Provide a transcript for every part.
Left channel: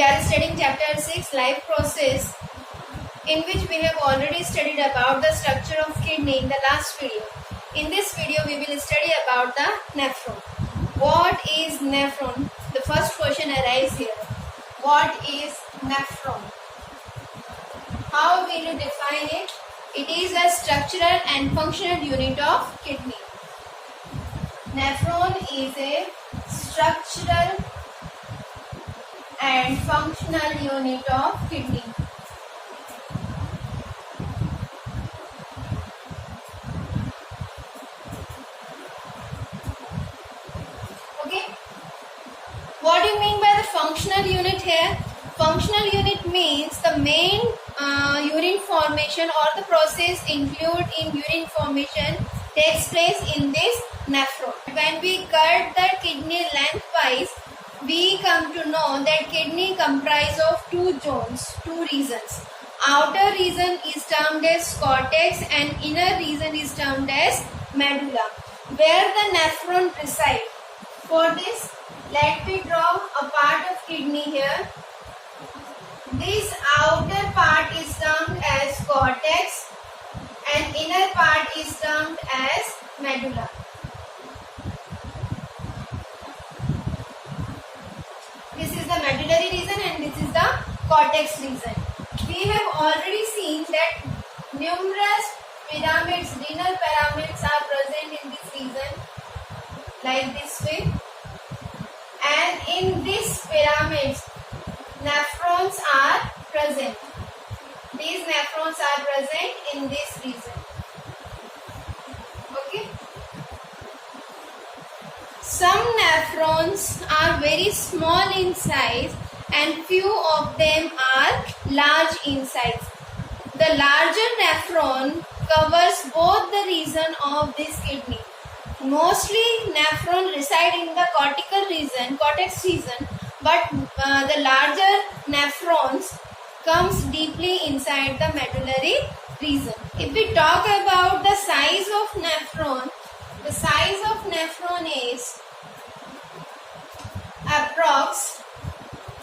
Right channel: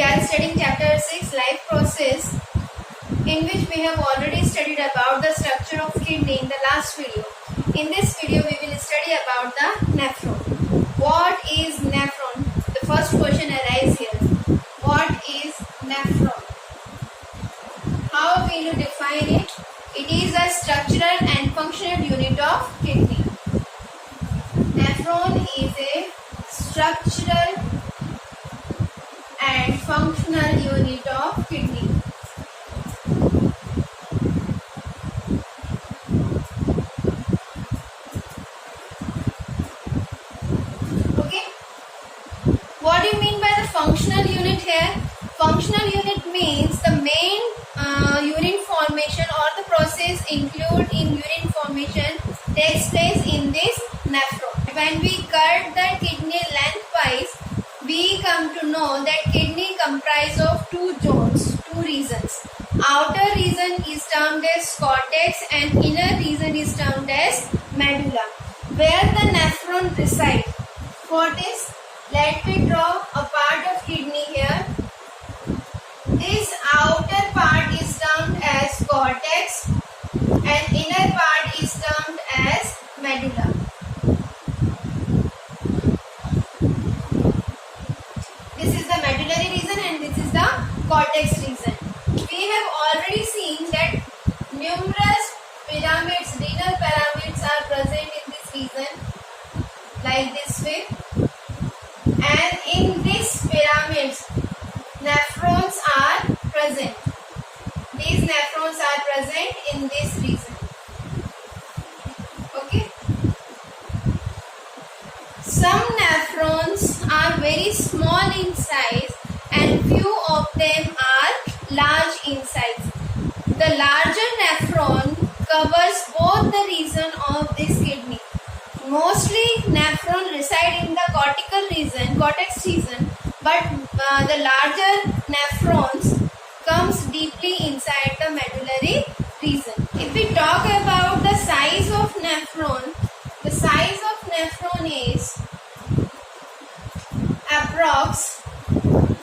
We are studying chapter 6 life process, in which we have already studied about the structure of kidney in the last video. In this video we will study about the nephron. What is nephron? The first question arises here. What is nephron? How will you define it? It is a structural and functional unit of kidney. Nephron is a structural and functional unit of kidney. Okay. What do you mean by the functional unit here? Functional unit means the main urine formation or the process included in urine formation takes place in this nephron. When we cut the kidney lengthwise, we come to know that kidney comprises of two zones, two regions. Outer region is termed as cortex and inner region is termed as medulla, where the nephron resides. For this, let me draw a part of kidney here. This outer part is termed as cortex and inner part is termed as medulla. This is the medullary region and this is the cortex region. We have already seen that numerous pyramids, renal pyramids are present in this region like this way, and in these pyramids nephrons are present. These nephrons are present in this region. Okay. Some nephrons are very small in size and few of them are large in size. The larger nephron covers both the region of this kidney. Mostly nephron reside in the cortical region, cortex region, but the larger nephrons comes deeply inside the medullary region. If we talk about the size of nephron, the size of nephron is approx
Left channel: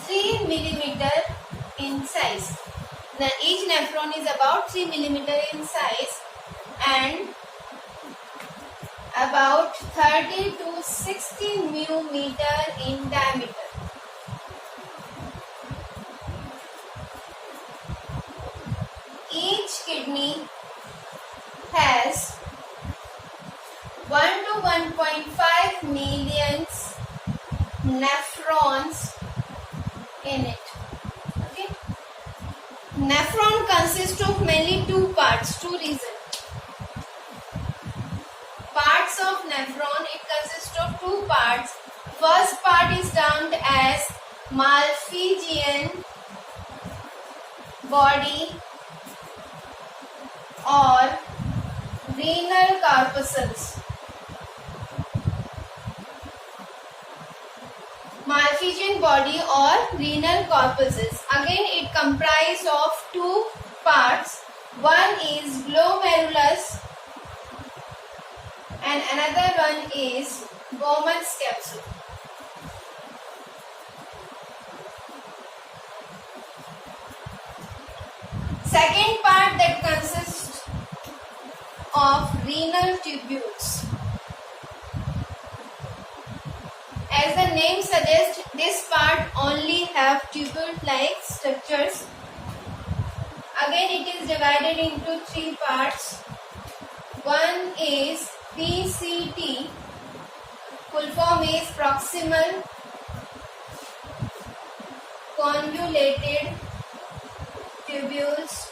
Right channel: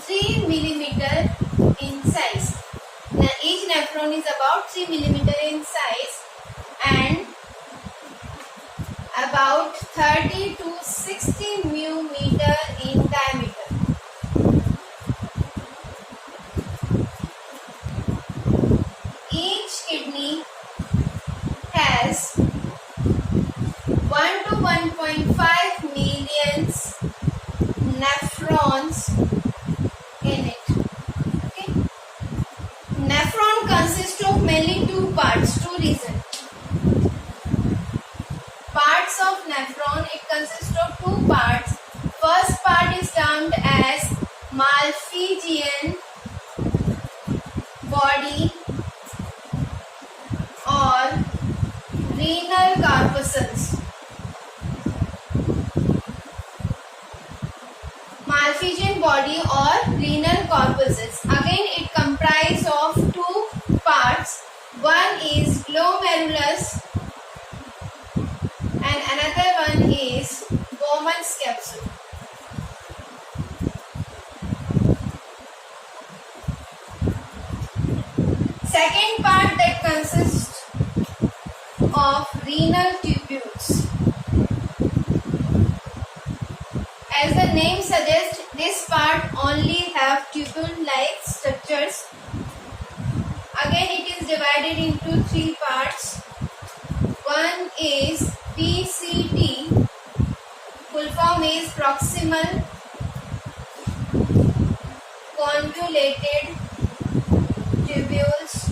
3 millimeter in size. Now each nephron is about 3 millimeter in size and about 30 to 60 millimeter in diameter. Each kidney has 1 to 1.5 million nephrons in it. Okay. Nephron consists of mainly two parts, two regions. Parts of nephron, it consists of two parts. First part is termed as Malpighian body or renal corpuscles. Malpighian body or renal corpuscles. Again, it comprises of two parts. One is glomerulus and another one is Bowman's capsule. Second part that consists of renal tubules. As the name suggests, this part only have tubule-like structures. Again, it is divided into three parts. One is PCT, full form is proximal convoluted tubules.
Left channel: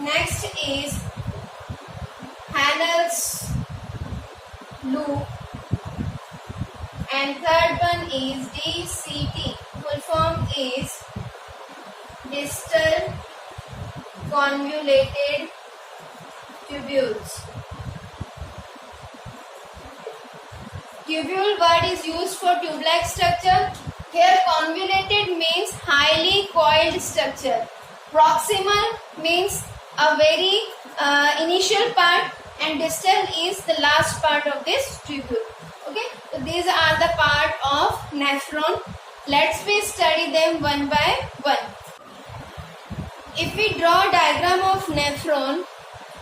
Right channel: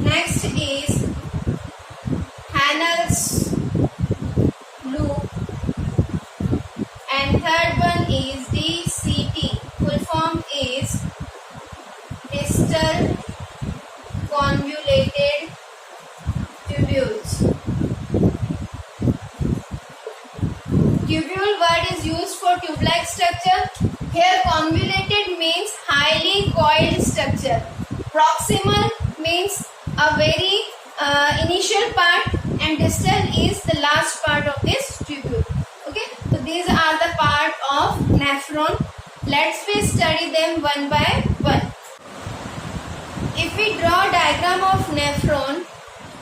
Next is Hanel's loop and third one is DCT, full form is distal convoluted tubules. Tubule word is used for tube-like structure. Here convoluted means highly coiled structure. Proximal means a very initial part and distal is the last part of this tubule. Okay, so these are the part of nephron. Let's we study them one by one. If we draw a diagram of nephron,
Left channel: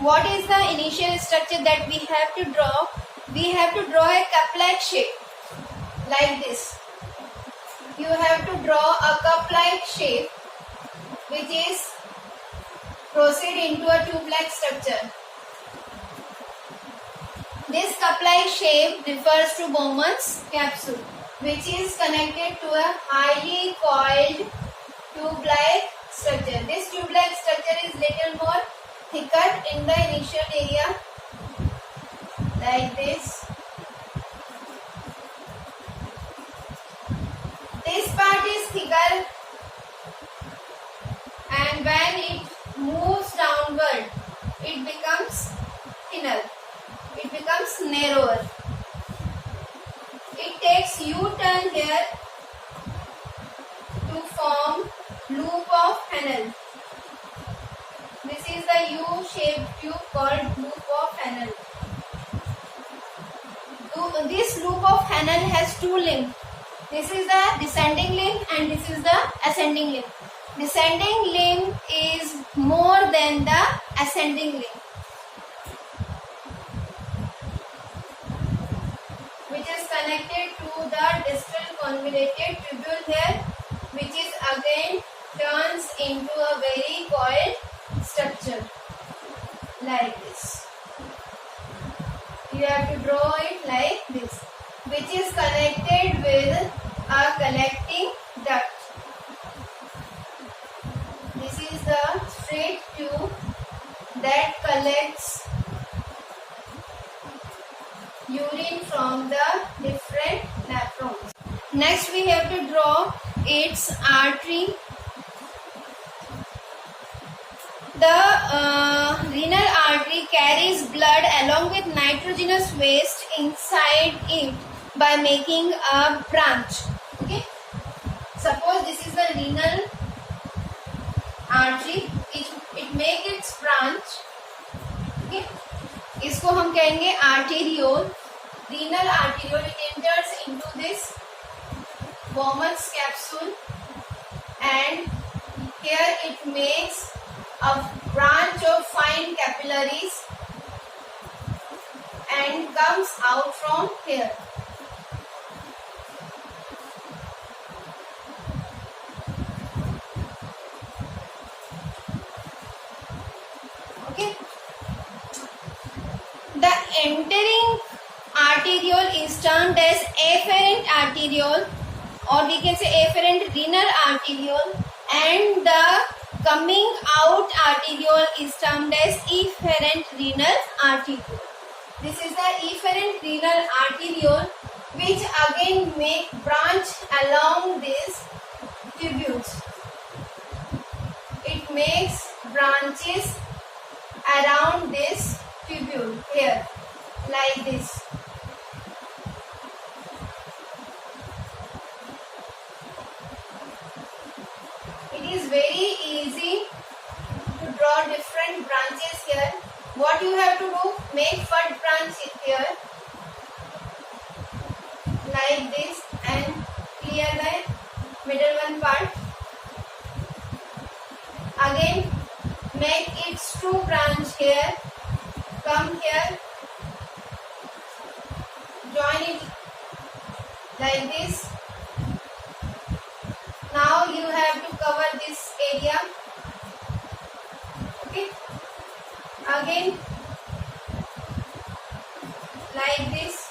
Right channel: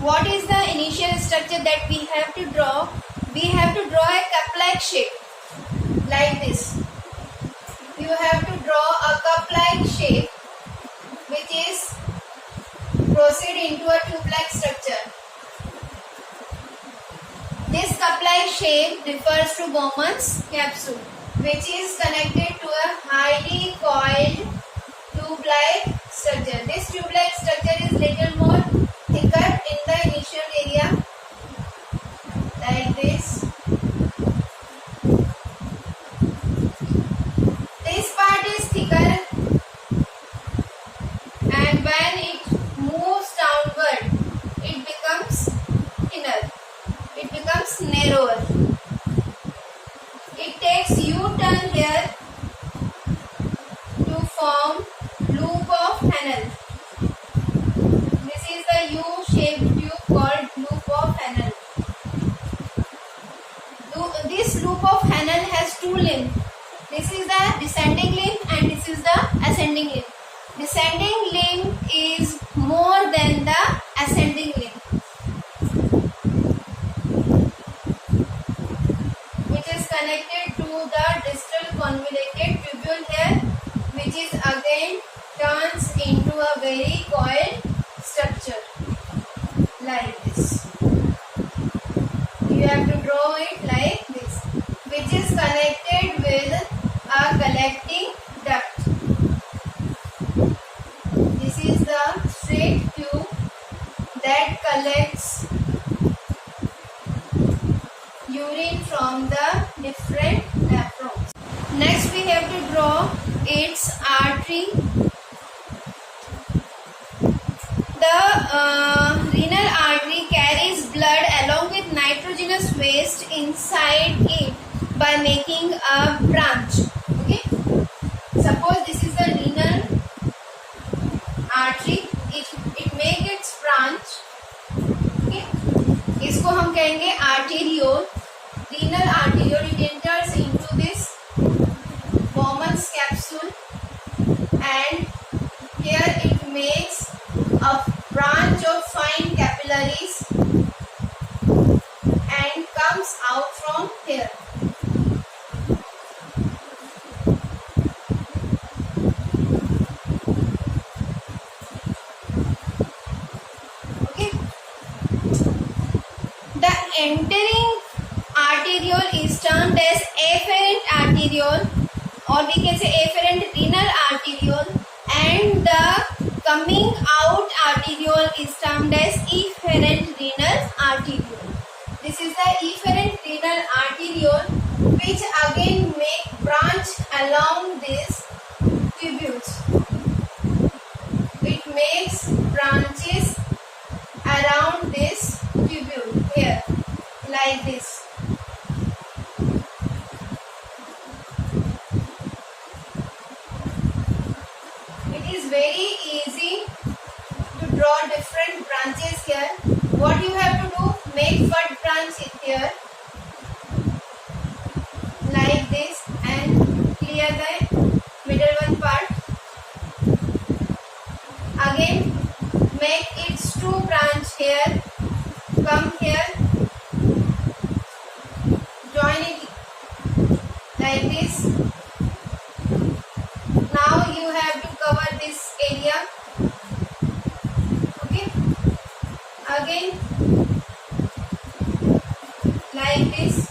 what is the initial structure that we have to draw? We have to draw a cup-like shape like this. You have to draw a cup-like shape which is proceed into a tube-like structure. This cup-like shape refers to Bowman's capsule, which is connected to a highly coiled tube-like structure. This tube-like structure is little more thicker in the initial area, like this. This part is thicker, and when it moves downward, it becomes thinner. It becomes narrower. It takes U-turn here to form loop of Henle. This is the U-shaped tube called loop of Henle. This loop of Henle has two limbs. This is the descending limb and this is the ascending limb. Descending limb is more than the ascending limb, which is connected to the distal convoluted tubule here, which is again turns into a very coiled structure like this. You have to draw it like this, which is connected with a collecting duct. This is the straight tube that collects urine from the different nephrons. Next we have to draw its artery. The renal artery carries blood along with nitrogenous waste inside it by making a branch. Okay, suppose this is the renal artery. It makes its branch. Okay, इसको हम कहेंगे arteriole. Renal arteriole. It enters into this Bowman's capsule, and here it makes a branch of fine capillaries and comes out from here. Okay. The entering arteriole is termed as afferent arteriole, or we can say afferent renal arteriole, and the coming out arteriole is termed as efferent renal arteriole. This is the efferent renal arteriole, which again make branch along these tubules. It makes branches around this tubule here, like this. It is very easy to draw different branches here. What you have to do, make first branch here like this and clear the middle one part. Again make its two branch here, come here, join it like this. Now you have to cover this area. Okay, again like this.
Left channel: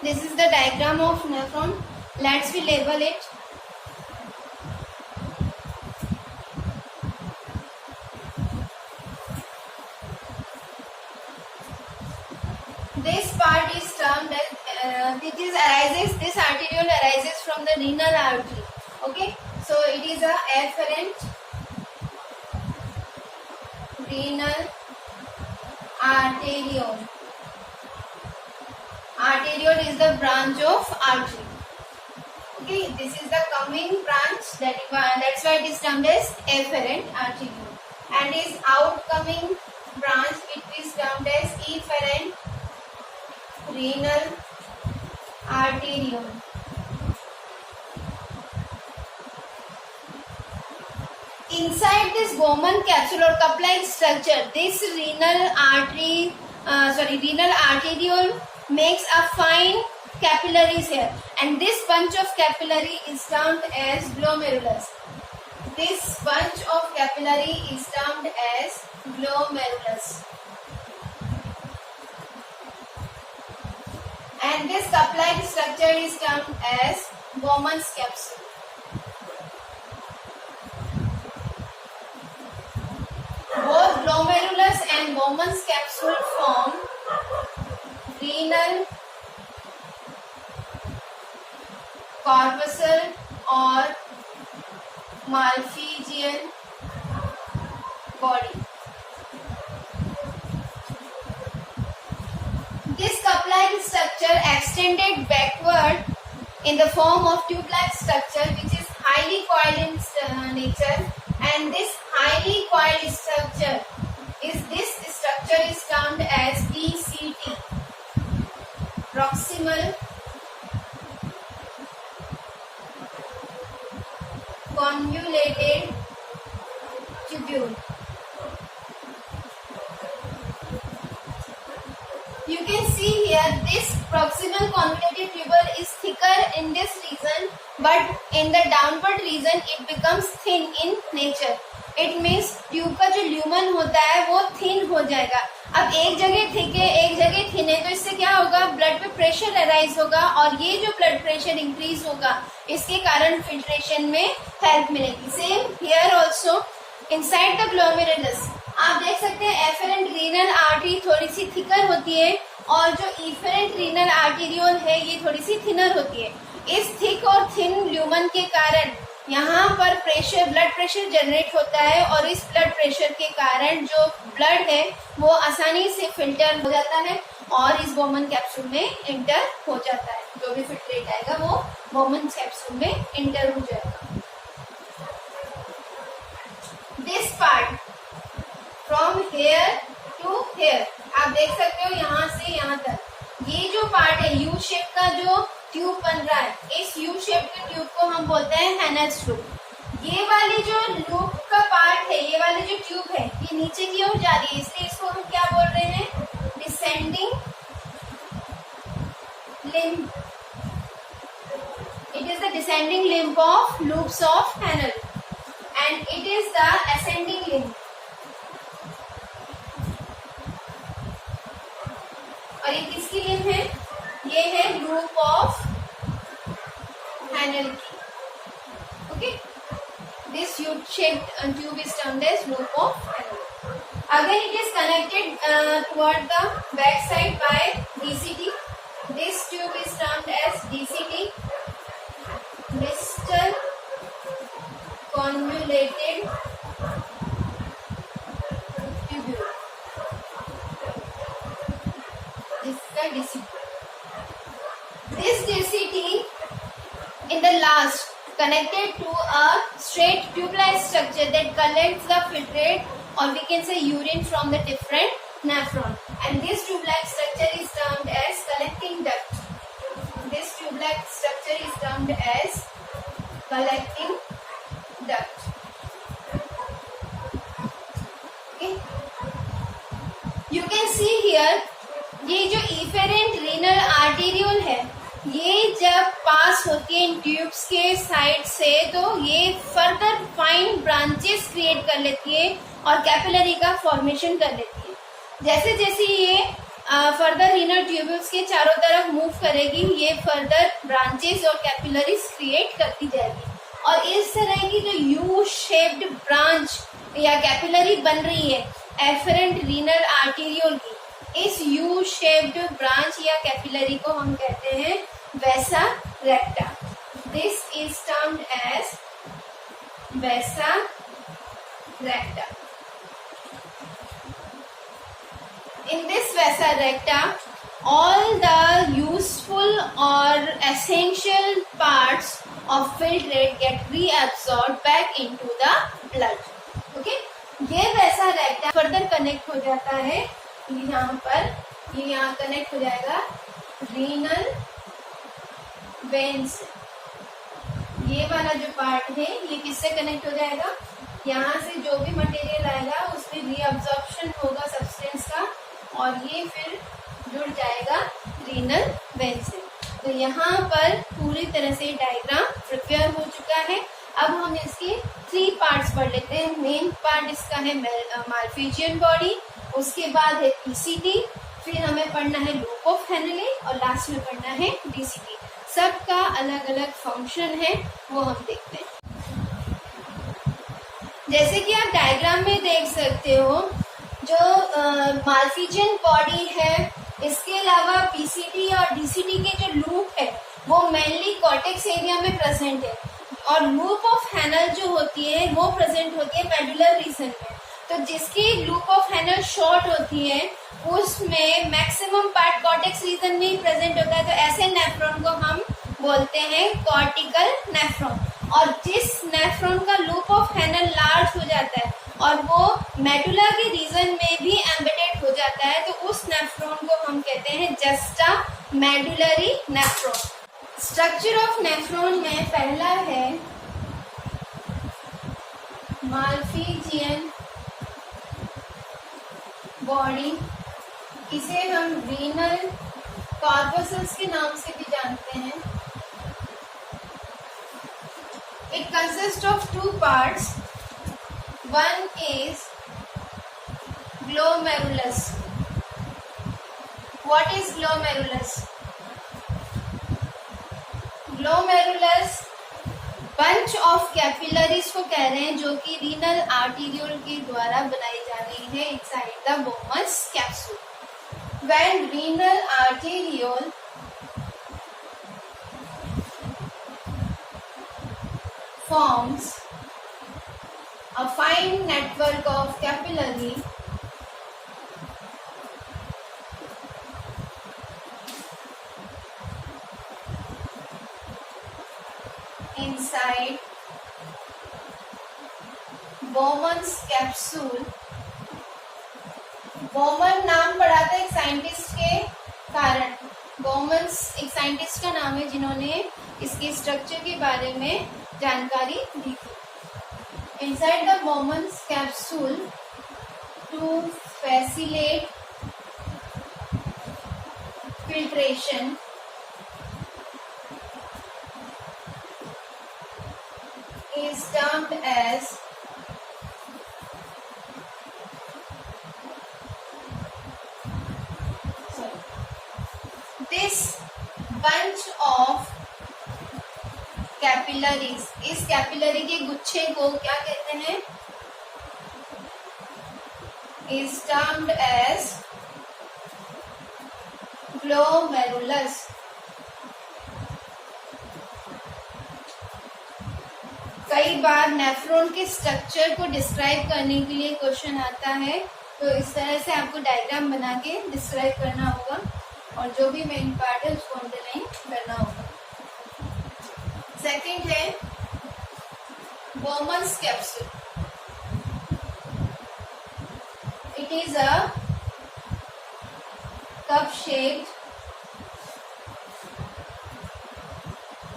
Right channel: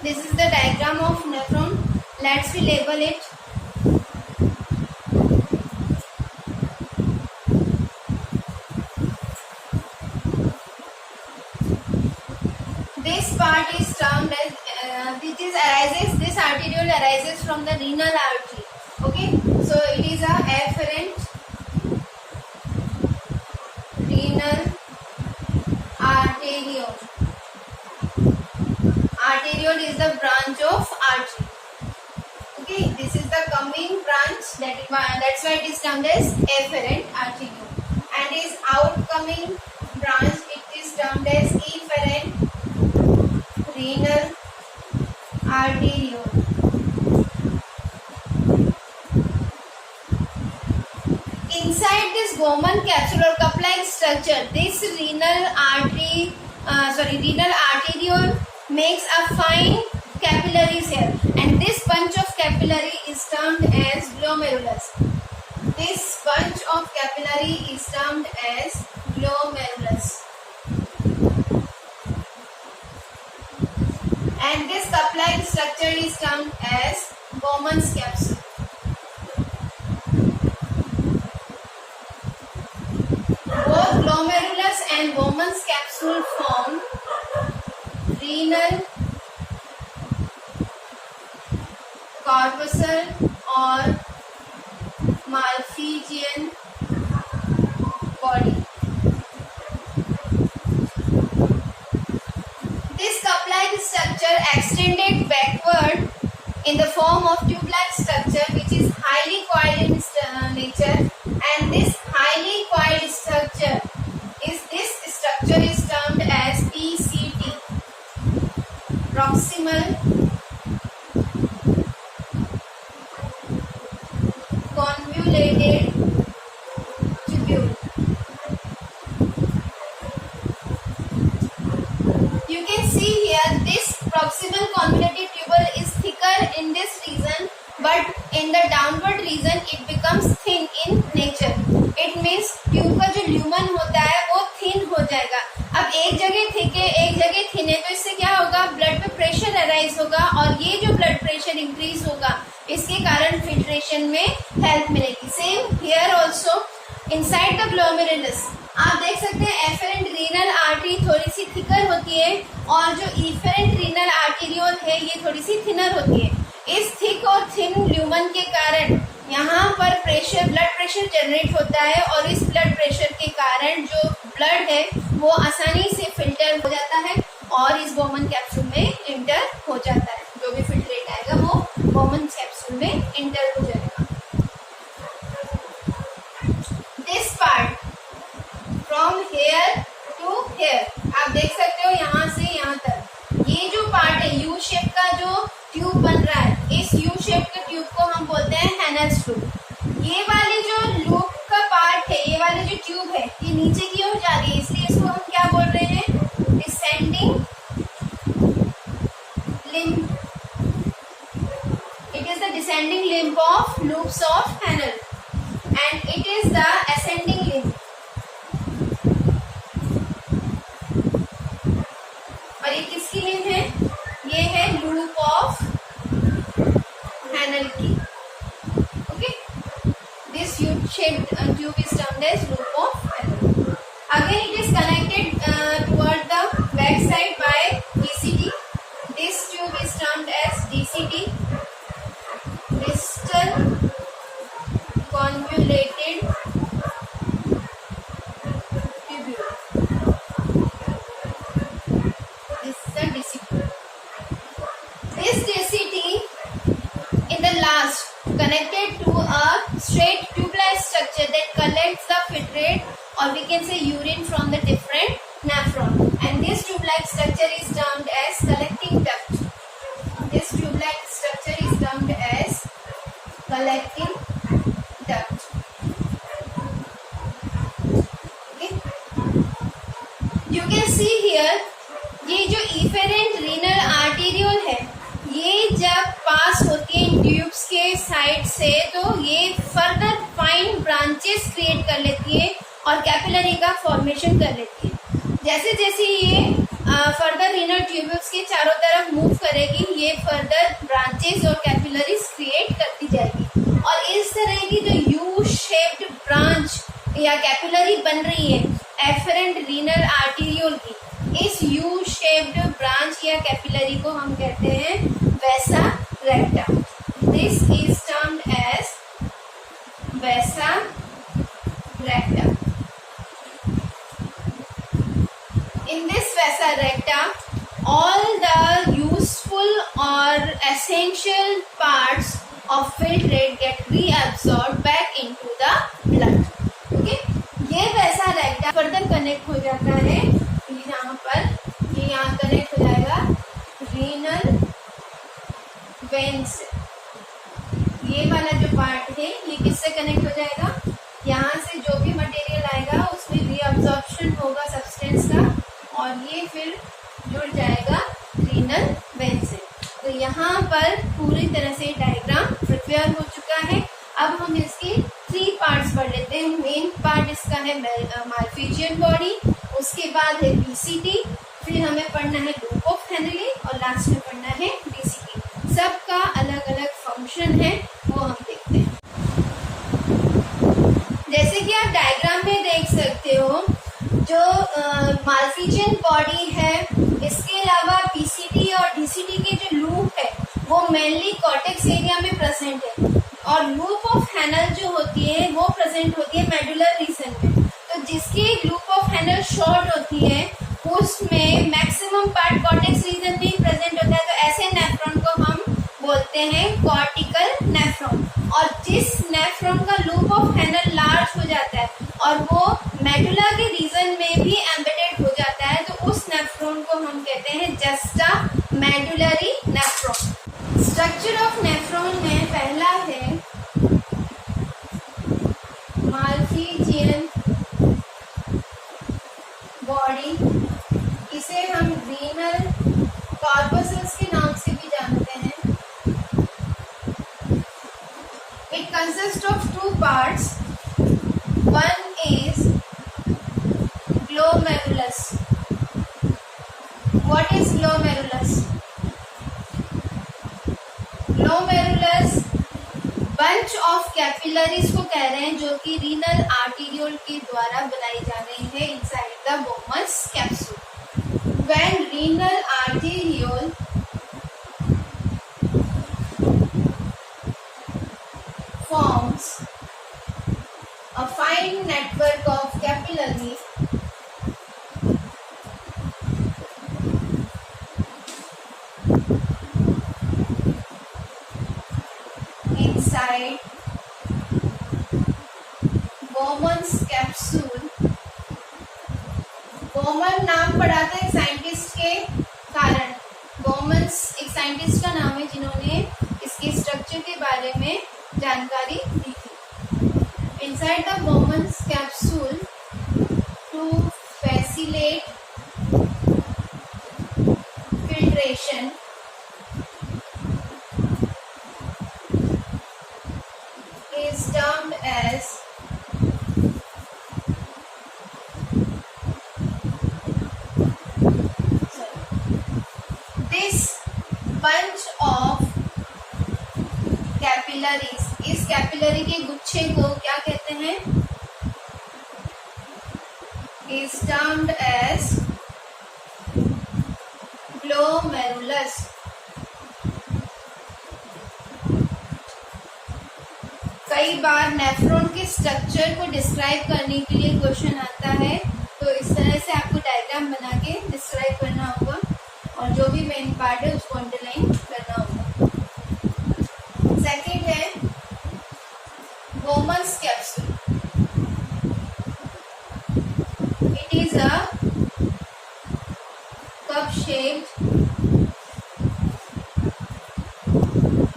This is the diagram of nephron. Let's we label it. This part is termed as this arteriole arises from the renal artery. Okay, so it is a afferent renal arteriole. Arteriole is the branch of artery. Okay, this is the coming branch, that's why it is termed as afferent arteriole, and is outcoming branch, it is termed as efferent renal arteriole. Inside this Bowman capsule or cup-like structure, this renal arteriole makes a fine capillaries here, and this bunch of capillary is termed as glomerulus. This bunch of capillary is termed as glomerulus. And this cup-like structure is termed as Bowman's capsule. Both glomerulus and Bowman's capsule form renal corpuscle or Malpighian body. This cup-like structure extended backward in the form of tube-like structure, which is highly coiled in nature, and this highly coiled structure is termed as PCT, proximal convoluted tubule. You can see here this proximal convoluted tubule is thicker in this region, but in the downward region it becomes thin in nature. It means tube का जो ल्यूमन होता है वो थिन हो जाएगा. अब एक जगह थिक है, एक जगह थिन है, तो इससे क्या होगा, ब्लड पे प्रेशर अराइज होगा, और ये जो ब्लड प्रेशर इंक्रीज होगा इसके कारण फिल्ट्रेशन में हेल्प मिलेगी. Same here also inside the glomerulus आप देख सकते हैं एफरेंट रीनल आर्टरी थोड़ी सी थिकर होती है, और जो इफेरेंट रीनल आर्टेरियोल है ये थोड़ी सी थिनर होती है. इस थिक और थिन ल्यूमन के कारण यहाँ पर ब्लड प्रेशर जनरेट होता है, और इस ब्लड प्रेशर के कारण जो ब्लड है वो आसानी से फिल्टर हो जाता है और इस बोमन कैप्सूल में इंटर हो जाता है. जो भी फिल्ट्रेट आएगा वो बोमन कैप्सूल में इंटर हो जाएगा. This part from here to here आप देख सकते हो, यहाँ से यहाँ तक ये जो पार्ट है यू शेप का जो ट्यूब बन रहा है, इस यू शेप के ट्यूब को हम बोलते हैं हैनल्स ट्यूब. ये वाली जो लूप का पार्ट है, ये वाली जो ट्यूब है ये नीचे की ओर जा रही है, इसलिए इसको हम क्या बोल रहे हैं, descending limb. It is the descending limb of loops of Henle, and it is the ascending limb. और ये किसकी लिम्ब है, ये है लूप ऑफ हैनल की. Okay, this U-shaped tube is termed as loop of हैनल. Again it is connected toward the back side by DCT. This tube is termed as DCT, distal convoluted tubule. This is the DCT. This DCT in the last connected to a straight tube-like structure that collects the filtrate, or we can say urine, from the different nephron, and this tube-like structure is termed as collecting duct. This tube-like structure is termed as collecting duct. Okay, you can see here ये जो efferent renal arteriole है ये जब पास होती है इन ट्यूब्स के साइड से, तो ये फर्दर फाइन ब्रांचेस क्रिएट कर लेती है और कैपिलरी का फॉर्मेशन कर लेती है. जैसे जैसे ये फर्दर रीनल ट्यूब्यूल्स के चारों तरफ मूव करेगी, ये फर्दर ब्रांचेस और कैपिलरीज क्रिएट करती जाएगी, और इस तरह की जो यू शेप्ड ब्रांच या कैपिलरी बन रही है एफरेंट रीनल आर्टेरियोल की, इस यू शेप्ड ब्रांच या कैपिलरी को हम कहते हैं vasa recta. This is termed as vasa recta. In this vasa recta, all the useful or essential parts of filtrate get reabsorbed back into the blood. Okay? ये वैसा रेक्टा further connect हो जाता है यहाँ पर, ये यहाँ कनेक्ट हो जाएगा रीनल वेन से. ये वाला जो पार्ट है ये किससे कनेक्ट हो जाएगा? यहाँ से जो भी मटेरियल आएगा उसमें रीअब्जॉर्प्शन होगा सब्सटेंस का और ये फिर जुड़ जाएगा रीनल वेन से. तो यहाँ पर पूरी तरह से डायग्राम प्रिपेयर हो चुका है. अब हम इसके 3 पार्ट्स पढ़ लेते हैं. मेन पार्ट इसका है मालफिजियन बॉडी, उसके बाद है पीसीटी, फिर हमें पढ़ना है लूप ऑफ हेनले और लास्ट में पढ़ना है डीसीटी. सबका अलग अलग फंक्शन है वो हम देखते हैं. जैसे कि आप डायग्राम में देख सकते हो, जो मालफिजियन बॉडी है, इसके अलावा पीसीटी और डीसीटी के जो लूप है वो मेनली कॉर्टेक्स एरिया में प्रेजेंट है और लूप ऑफ हैनल जो होती है वो प्रेजेंट होती है मेडुलर रीजन में. तो जिसकी लूप ऑफ हैनल शॉर्ट होती है उसमें मैक्सिमम पार्ट कॉर्टेक्स रीजन में ही प्रेजेंट होता है. तो ऐसे नेफ्रॉन को हम बोलते हैं कॉर्टिकल नेफ्रॉन. और जिस नेफ्रॉन का लूप ऑफ हैनल लार्ज हो जाता है और वो मेडुला के रीजन में भी एम्बेडेड हो जाता है तो उस नेफ्रॉन को हम कहते हैं juxta medullary nephron. Structure of nephron में पहला है मालफिजियन बॉडी. इसे हम रीनल कॉर्पसल्स के नाम से भी जानते हैं. It consists of 2 parts. One is glomerulus. What is glomerulus? Glomerulus bunch of capillaries को कह रहे हैं जो कि रीनल आर्टेरियोल के द्वारा बनाई जा रही है inside the Bowman's capsule. When renal arteriole forms a fine network of capillary inside Bowman's capsule. Bowman नाम पढ़ा था एक साइंटिस्ट के कारण. Bowman's एक साइंटिस्ट का नाम है जिन्होंने इसके स्ट्रक्चर के बारे में जानकारी दी थी. Inside the Bowman's capsule to facilitate filtration is termed as this bunch of capillaries. इस कैपिलरी के गुच्छे को क्या कहते हैं? Is termed as glomerulus. कई बार नेफ्रॉन के स्ट्रक्चर को डिस्क्राइब करने के लिए क्वेश्चन आता है तो इस तरह से आपको डायग्राम बना के डिस्क्राइब करना होगा और जो भी मेन पार्ट है उसको अंडरलाइन करना होगा. सेकेंड है Bowman's capsule. It is a cup-shaped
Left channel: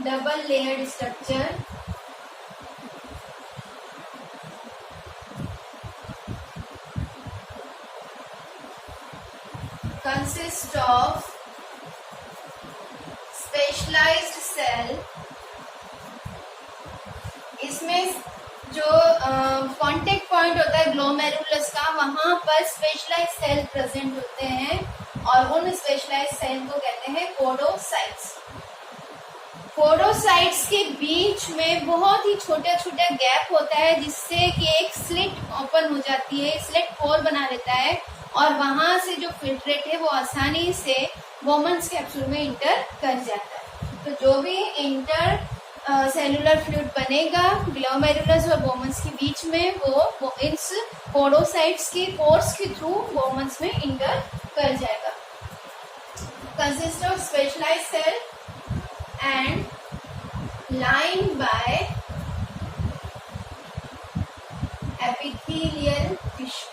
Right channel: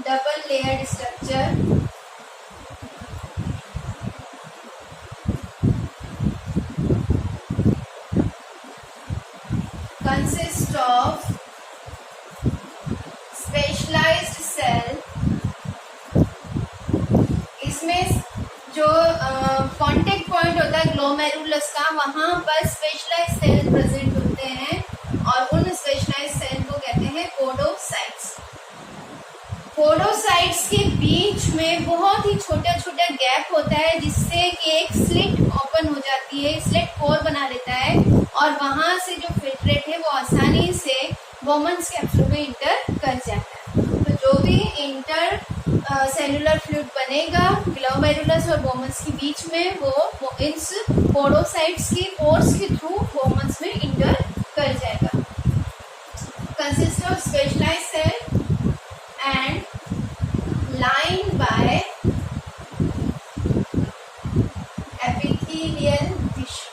double-layered structure consists of specialized cell. इसमें जो कांटेक्ट पॉइंट होता है ग्लोमेरुलस का, वहां पर स्पेशलाइज्ड सेल प्रेजेंट होते हैं और उन स्पेशलाइज्ड सेल को कहते हैं पोडोसाइट्स. पोरोसाइट्स के बीच में बहुत ही छोटा छोटा गैप होता है जिससे कि एक स्लिट ओपन हो जाती है, स्लिट पोर बना लेता है और वहां से जो फिल्ट्रेट है वो आसानी से बोमन्स कैप्सूल में इंटर कर जाता है। तो जो भी इंटर सेलुलर फ्लूइड बनेगा ग्लोमेरुलस और बोमन्स के बीच में वो इस पोरोसाइट्स की पोर्स के थ्रू बोमन्स में इंटर कर जाएगा। Consist of specialised cell and lined by epithelial tissue.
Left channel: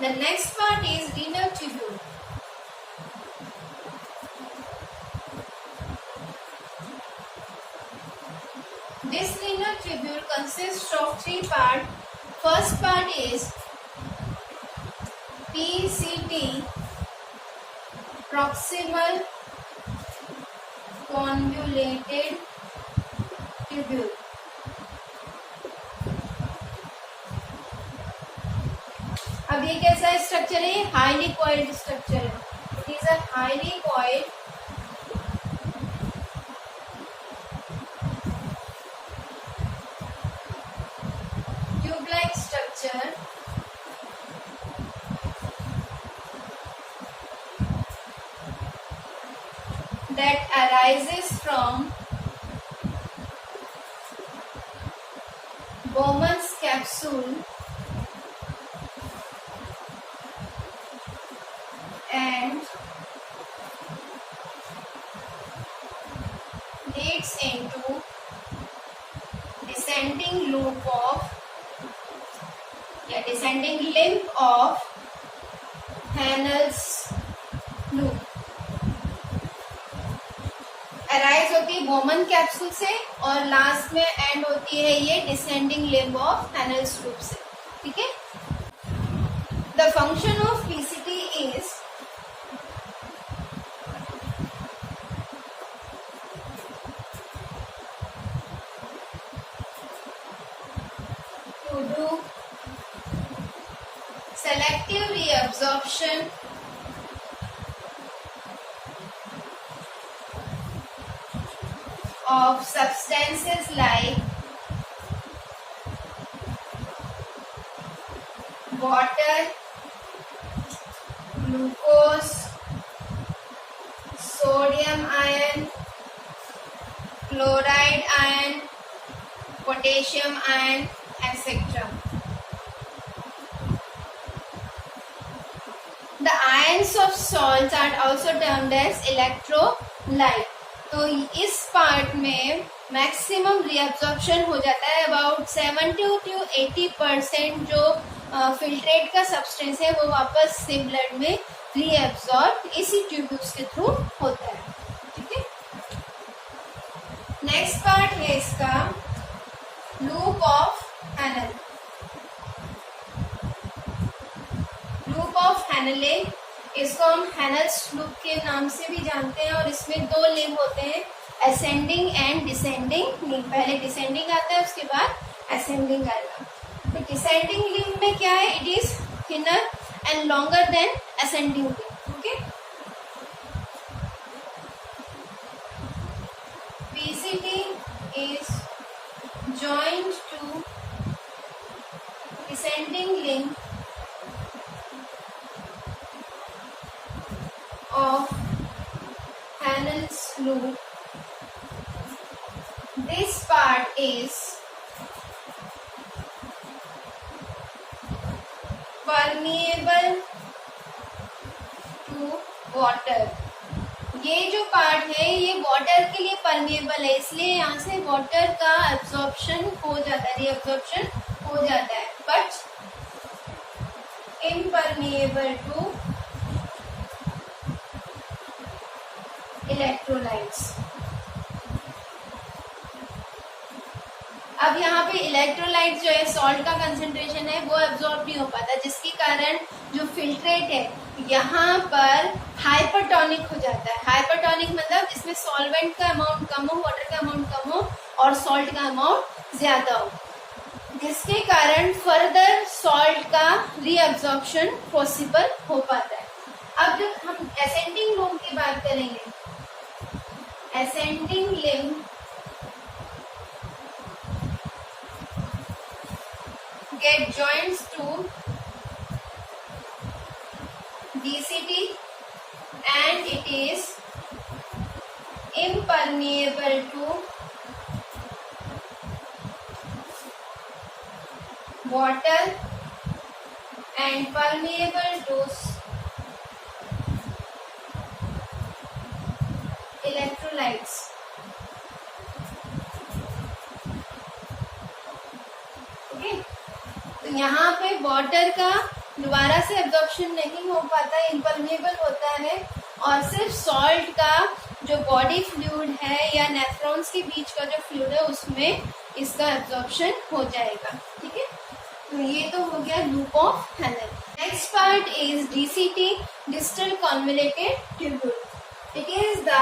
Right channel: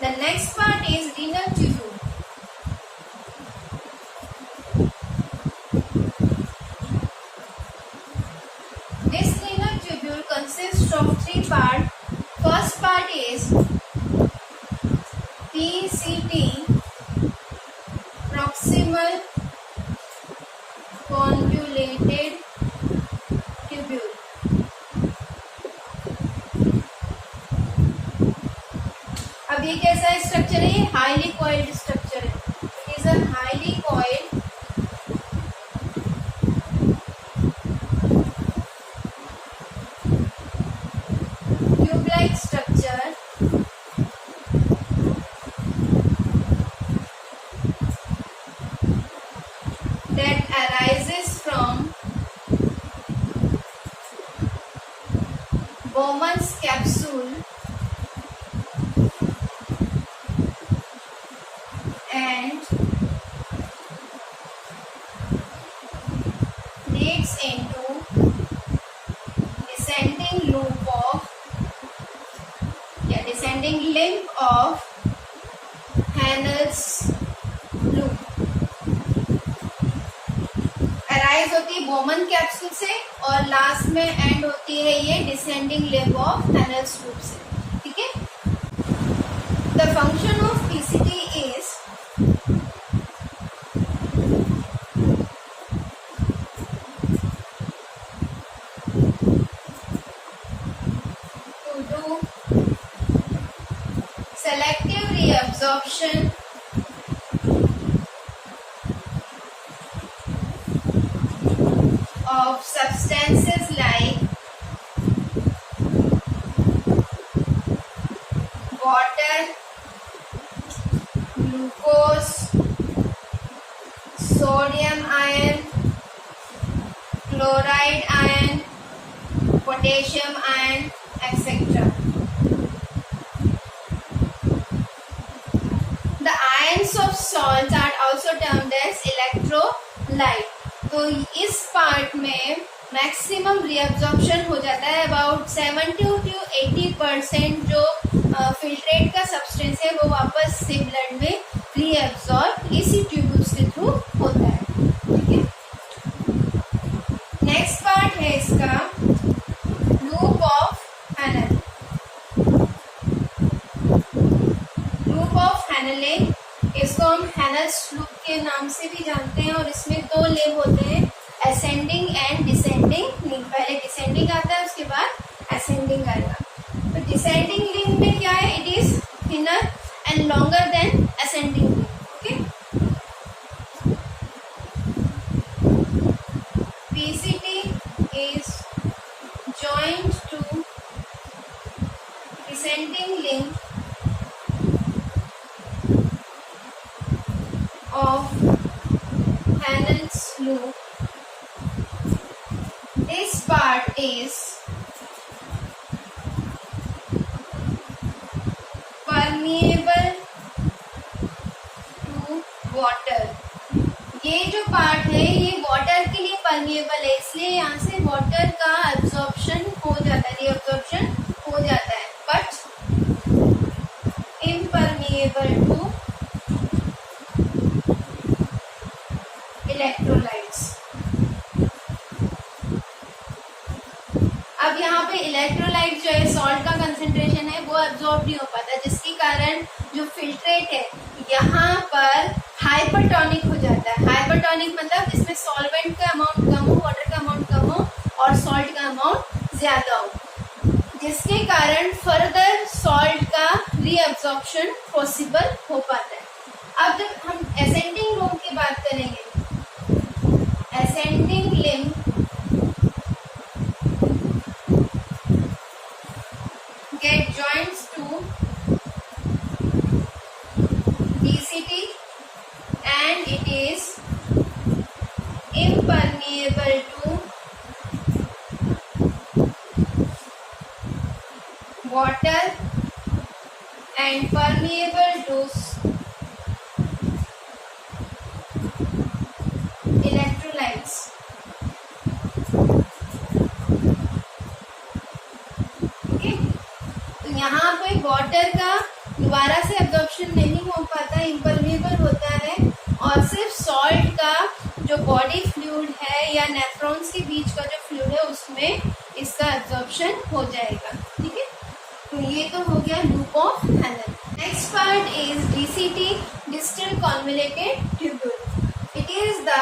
The next part is renal tubule. This renal tubule consists of three parts. First part is PCT, proximal convoluted tubule. अब ये कैसा स्ट्रक्चर है? Highly coiled structure है। It is a highly coiled tube-like structure that arises from Bowman's capsule and leads into descending loop of descending limb of Henle's loop. Arise होती है Bowman capsule से और लास्ट में एंड होती है ये descending limb of Henle's loop से। ठीक है। The function of PCT is to do selective reabsorption of substances like water, glucose, sodium ion, chloride ion, potassium ion, etc. The ions of salts are also termed as electrolyte. तो इस पार्ट में maximum reabsorption हो जाता है। अबाउट 70 to 80% जो फिल्ट्रेट का सब्सटेंस है वो वापस से ब्लड में रिएब्जॉर्ब इसी ट्यूब्यूल्स के थ्रू होता है। ठीक है। नेक्स्ट पार्ट है इसका loop of Henle. Loop of Henle, इसको हम हैनल्स लूप के नाम से भी जानते हैं और इसमें दो लिम्ब होते हैं, असेंडिंग एंड डिसेंडिंग लिम्ब। पहले डिसेंडिंग आता है उसके बाद असेंडिंग आएगा। तो डिसेंडिंग लिम्ब में क्या है? It is thinner and longer than ascending limb. Okay. PCT is joined to descending limb of Henle's loop. This part is permeable to water. ये जो पार्ट है ये वाटर के लिए परमिएबल है, इसलिए यहाँ से वाटर का एब्जॉर्प्शन हो जाता है, रीअब्जॉर्प्शन हो जाता है, बट इम्परमिएबल टू इलेक्ट्रोलाइट्स। अब यहाँ पे इलेक्ट्रोलाइट जो है सॉल्ट का कंसेंट्रेशन है वो एब्जॉर्ब नहीं हो पाता, जिसके कारण जो फिल्ट्रेट है यहाँ पर हाइपरटोनिक हो जाता है। हाइपरटोनिक मतलब इसमें सॉल्वेंट का अमाउंट कम हो, वाटर का अमाउंट कम हो और सॉल्ट का अमाउंट ज्यादा हो। जिसके कारण फर्दर सॉल्ट का रीअब्जॉर्प्शन पॉसिबल हो पाता है। अब जब हम असेंडिंग लूम की बात करेंगे, ascending limb get joins to DCT and it is impermeable to water and permeable to electrolytes. यहाँ पे वाटर का दोबारा से एब्जॉर्प्शन नहीं हो पाता, इम्परमेबल होता है और सिर्फ सॉल्ट का जो बॉडी फ्लूइड है या नेफ्रॉन्स के बीच का जो फ्लूइड है उसमें इसका एब्जॉर्प्शन हो जाएगा। ठीक है, तो ये तो हो गया loop of Henle. Next part is DCT, distal convoluted tubule. It is the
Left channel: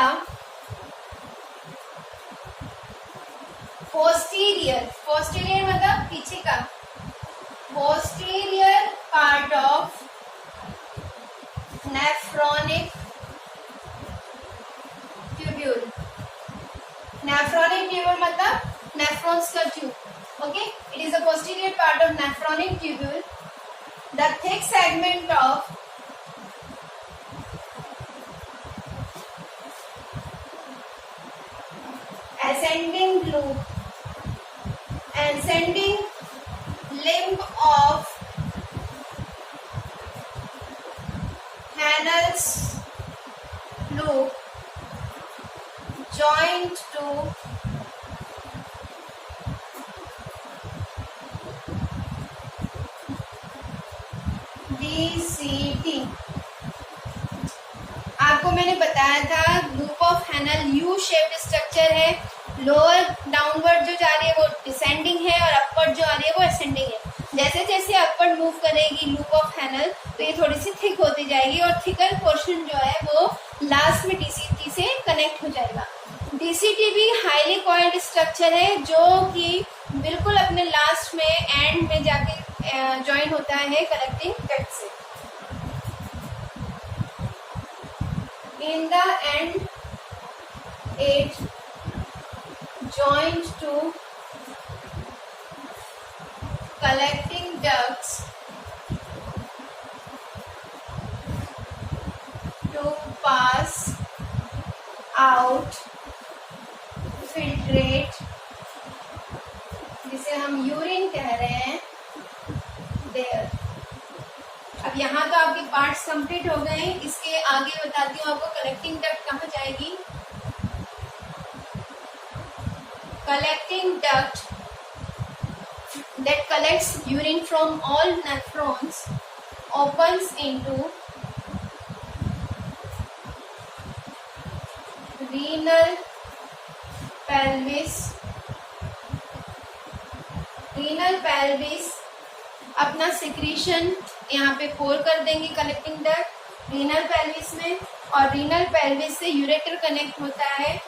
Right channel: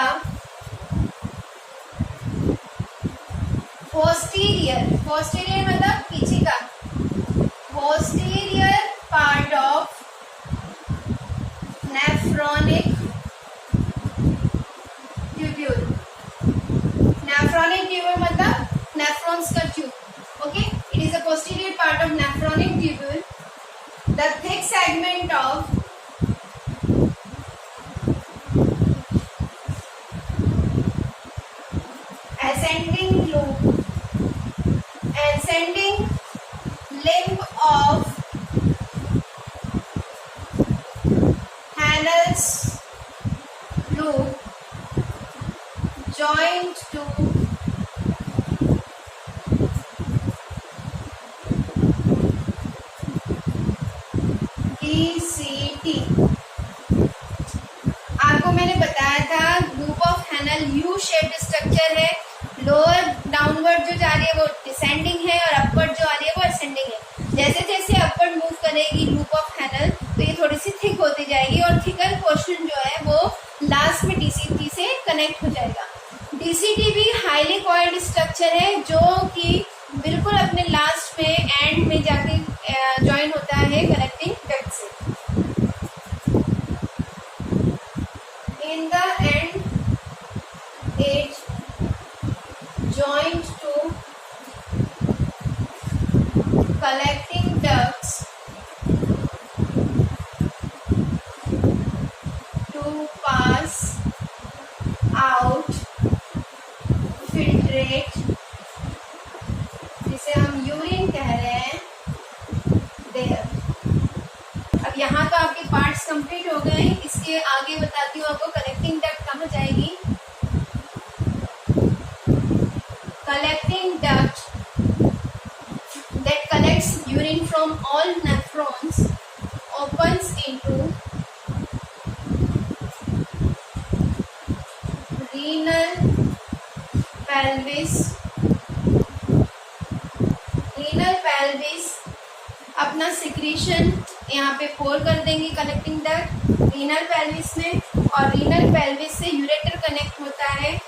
posterior मतलब पीछे का, posterior part of nephronic tubule. Nephronic tubule मतलब nephrons का tube. Okay, it is a posterior part of nephronic tubule. The thick segment of ascending limb of Hanel's loop joined to DCT। आपको मैंने बताया था loop of Henle U shaped structure है, lower downward जो जा रही है वो डिसेंडिंग है और अपवर्ड जो आ रही है वो असेंडिंग है। जैसे जैसे अपवर्ड मूव करेगी लूप ऑफ हैनल तो ये थोड़ी सी थिक होती जाएगी और थिकर पोर्शन जो है वो लास्ट में डीसीटी से कनेक्ट हो जाएगा। डीसीटी भी हाईली कॉइल्ड स्ट्रक्चर है जो कि बिल्कुल अपने लास्ट में एंड में जाके ज्वाइन होता है कनेक्टिंग डक्ट से। In the end it joined to collecting ducts to pass out filtrate, जिसे हम यूरिन कह रहे हैं, there। अब यहाँ का आपके पार्ट्स कंप्लीट हो गए। इसके आगे बताती हूँ आपको कलेक्टिंग डक्ट कहाँ जाएगी। Collecting duct that collects urine from all nephrons opens into renal pelvis। renal pelvis अपना सिक्रीशन यहाँ पे पोर कर देंगे कलेक्टिंग डक्ट रीनल पेल्विस में, और रीनल पेल्विस से यूरेटर कनेक्ट होता है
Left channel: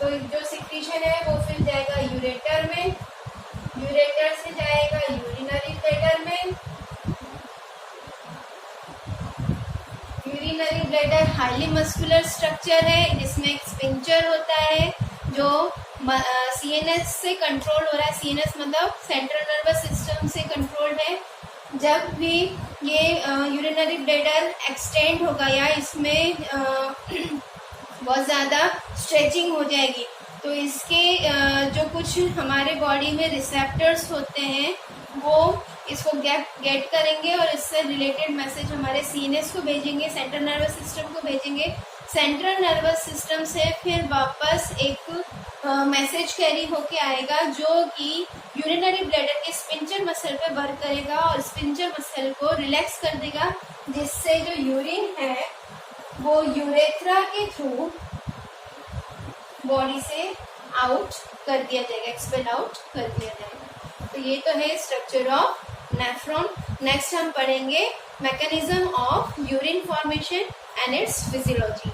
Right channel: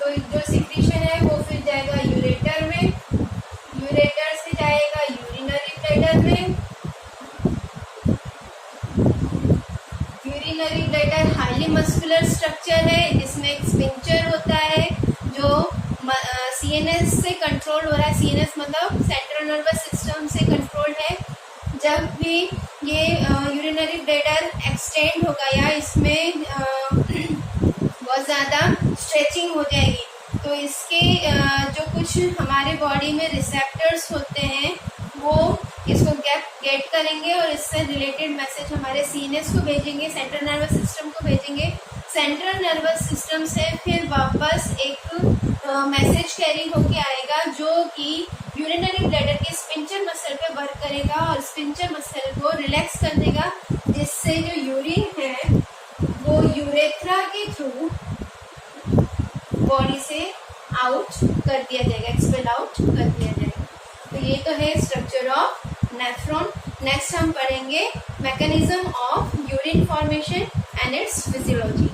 तो जो सिक्रीशन है वो फिर जाएगा यूरेटर में, यूरेटर से जाएगा यूरिनरी ब्लैडर में। Urinary bladder highly muscular structure है जिसमें एक स्पिंचर होता है जो सीएनएस से कंट्रोल हो रहा है। सीएनएस मतलब सेंट्रल नर्वस सिस्टम से कंट्रोल्ड है। जब भी ये यूरिनरी ब्लैडर एक्सटेंड होगा या इसमें बहुत ज़्यादा स्ट्रेचिंग हो जाएगी तो इसके जो कुछ हमारे बॉडी में रिसेप्टर्स होते हैं वो इसको गेट करेंगे और इससे रिलेटेड मैसेज हमारे सीएनएस को भेजेंगे, सेंट्रल नर्वस सिस्टम को भेजेंगे। सेंट्रल नर्वस सिस्टम से फिर वापस एक मैसेज कैरी होके आएगा जो कि यूरिनरी ब्लैडर के स्पिंचर मसल पे वर्क करेगा और स्पिंचर मसल को रिलैक्स कर देगा, जिससे जो यूरिन है वो यूरेथ्रा के थ्रू बॉडी से आउट कर दिया जाएगा, एक्सपेल आउट कर दिया जाएगा। तो ये तो है स्ट्रक्चर ऑफ नेफ्रॉन। नेक्स्ट हम पढ़ेंगे mechanism of urine formation and it's physiology.